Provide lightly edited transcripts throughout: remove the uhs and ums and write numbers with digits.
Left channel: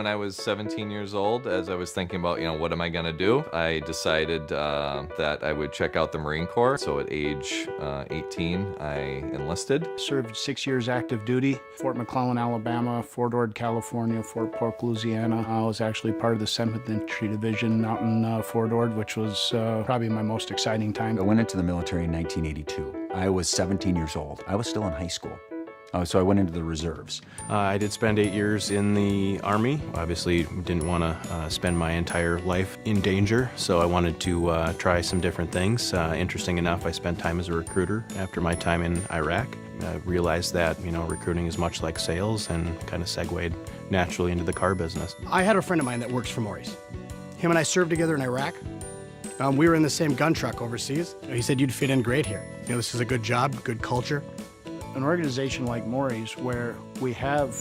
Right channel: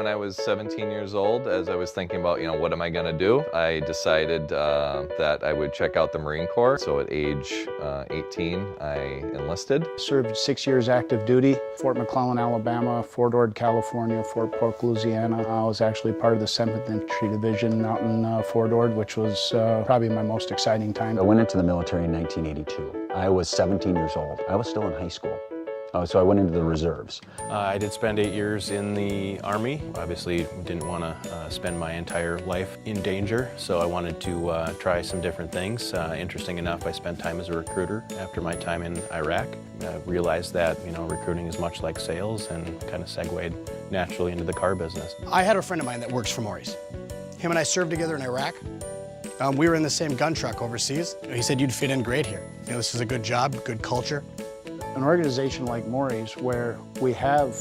When I was 17 years old, as I was thinking about, what am I going to do, I decided that I would check out the Marine Corps. So at age 18, I enlisted. Served 6 years active duty, Fort McClellan, Alabama, Fort Ord, California, Fort Polk, Louisiana. I was actually part of the 7th Infantry Division out in Fort Ord, which was probably my most exciting time. I went into the military in 1982. I was 17 years old. I was still in high school. So I went into the reserves. I did spend 8 years in the Army. Obviously didn't want to spend my entire life in danger, so I wanted to try some different things. Interesting enough, I spent time as a recruiter after my time in Iraq. I realized that, recruiting is much like sales, and kind of segued naturally into the car business. I had a friend of mine that works for Morrie's. Him and I served together in Iraq. We were in the same gun truck overseas. He said you'd fit in great here. This is a good job, good culture. An organization like Morrie's, where we have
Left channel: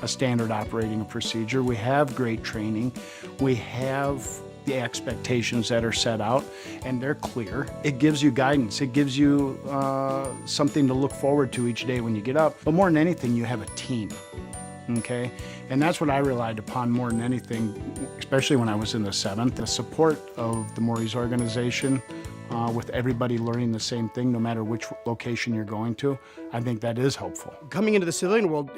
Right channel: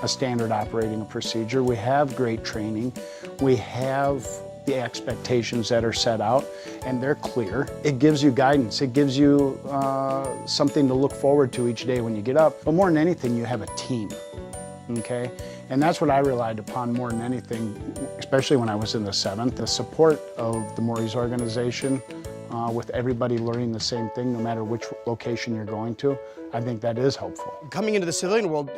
a standard operating procedure, we have great training, we have the expectations that are set out, and they're clear. It gives you guidance. It gives you something to look forward to each day when you get up. But more than anything, you have a team, okay? And that's what I relied upon more than anything, especially when I was in the 7th. The support of the Morrie's organization, with everybody learning the same thing, no matter which location you're going to, I think that is helpful. Coming into the civilian world,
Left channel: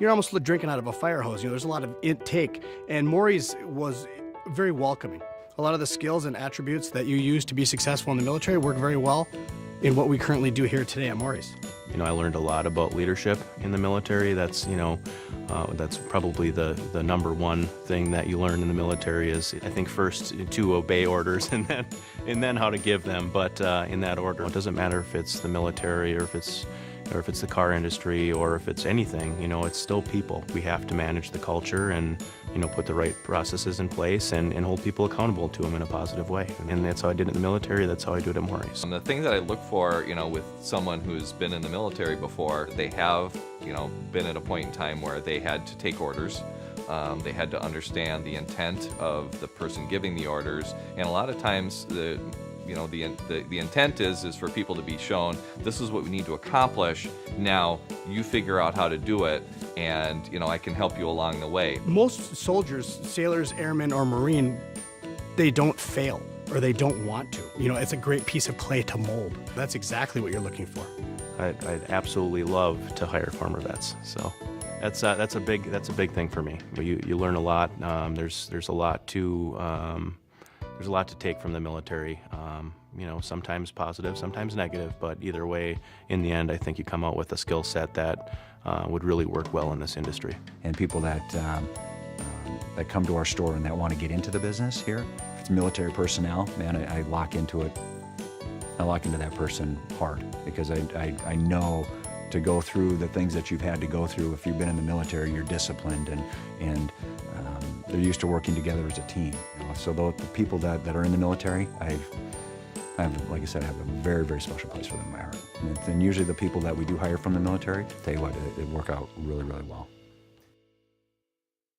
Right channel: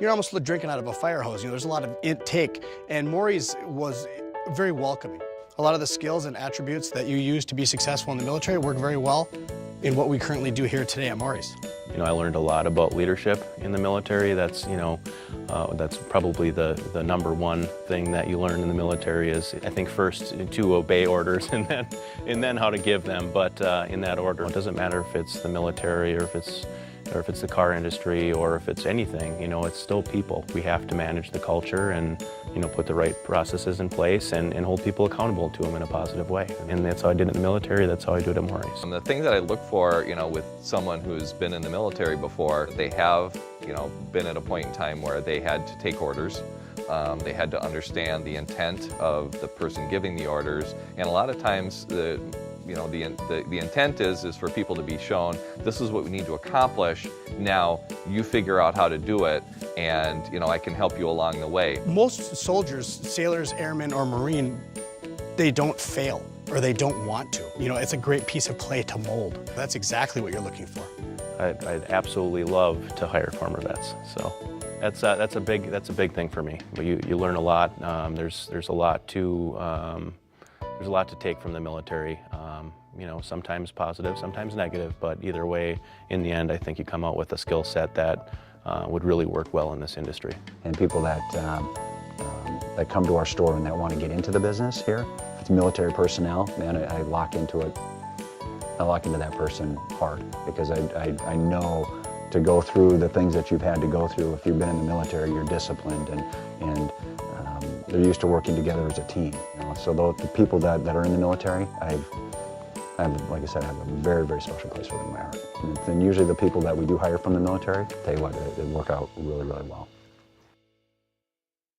you're almost drinking out of a fire hose. There's a lot of intake, and Morrie's was very welcoming. A lot of the skills and attributes that you use to be successful in the military work very well in what we currently do here today at Morrie's. I learned a lot about leadership in the military. That's, that's probably the number one thing that you learn in the military is, I think, first to obey orders and then how to give them, but in that order. It doesn't matter if it's the military or if it's the car industry or if it's anything, it's still people. We have to manage the culture and, put the right processes in place and hold people accountable to them in a positive way. And that's how I did it in the military, that's how I do it at Morrie's. And the thing that I look for, with someone who's been in the military before, they have, been at a point in time where they had to take orders. They had to understand the intent of the person giving the orders, and a lot of times the intent is for people to be shown, this is what we need to accomplish, now you figure out how to do it, and I can help you along the way. Most soldiers, sailors, airmen, or Marine, they don't fail, or they don't want to. It's a great piece of clay to mold. That's exactly what you're looking for. I'd absolutely love to hire former vets, so that's a big thing for me. You learn a lot. There's a lot to take from the military. Sometimes positive, sometimes negative, but either way, in the end, I think you come out with a skill set that would really work well in this industry. And people that come to our store and that want to get into the business here, if it's military personnel, man, I lock into it. I lock into that person hard because I know to go through the things that you've had to go through. If you've been in the military, you're disciplined and they're used to working together as a team. So the people that are in the military, I have, like I said, I have a very, very special place for them in my heart. And usually the people that we do hire from the military, tell you what, they work out really, really well.